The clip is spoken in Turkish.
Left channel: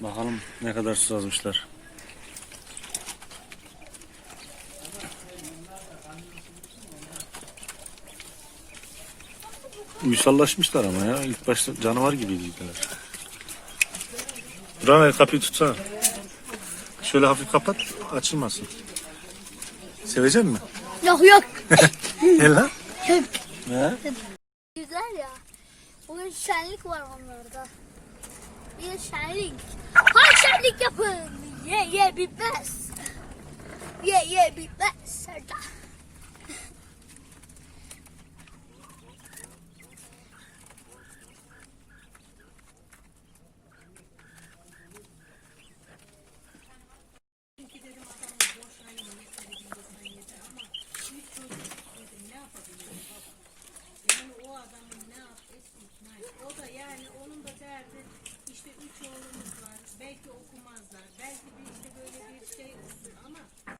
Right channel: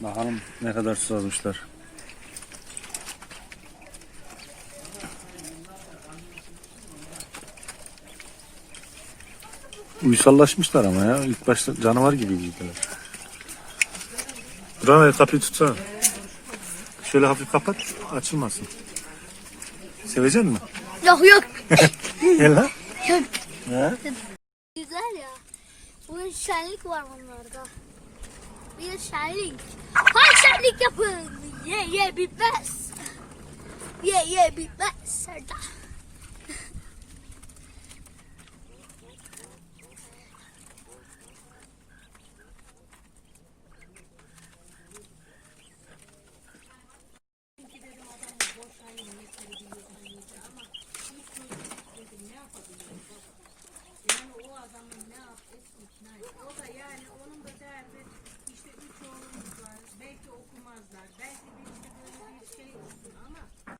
Bakalım ne kadar su yazmışlar. Uysallaşmışlar ama ya. İlk başta canavar gibiydiler. Buranın kapıyı tutsana. Şöyle hafif kapat, açılmasın. Sevecek mi? Yok yok. Gel lan. Güzel ya. Bugün şenlik var onlarda. Bir şenlik. Hay şenlik yapın. Ye ye bitmez. Ye ye bitmez. Serdar.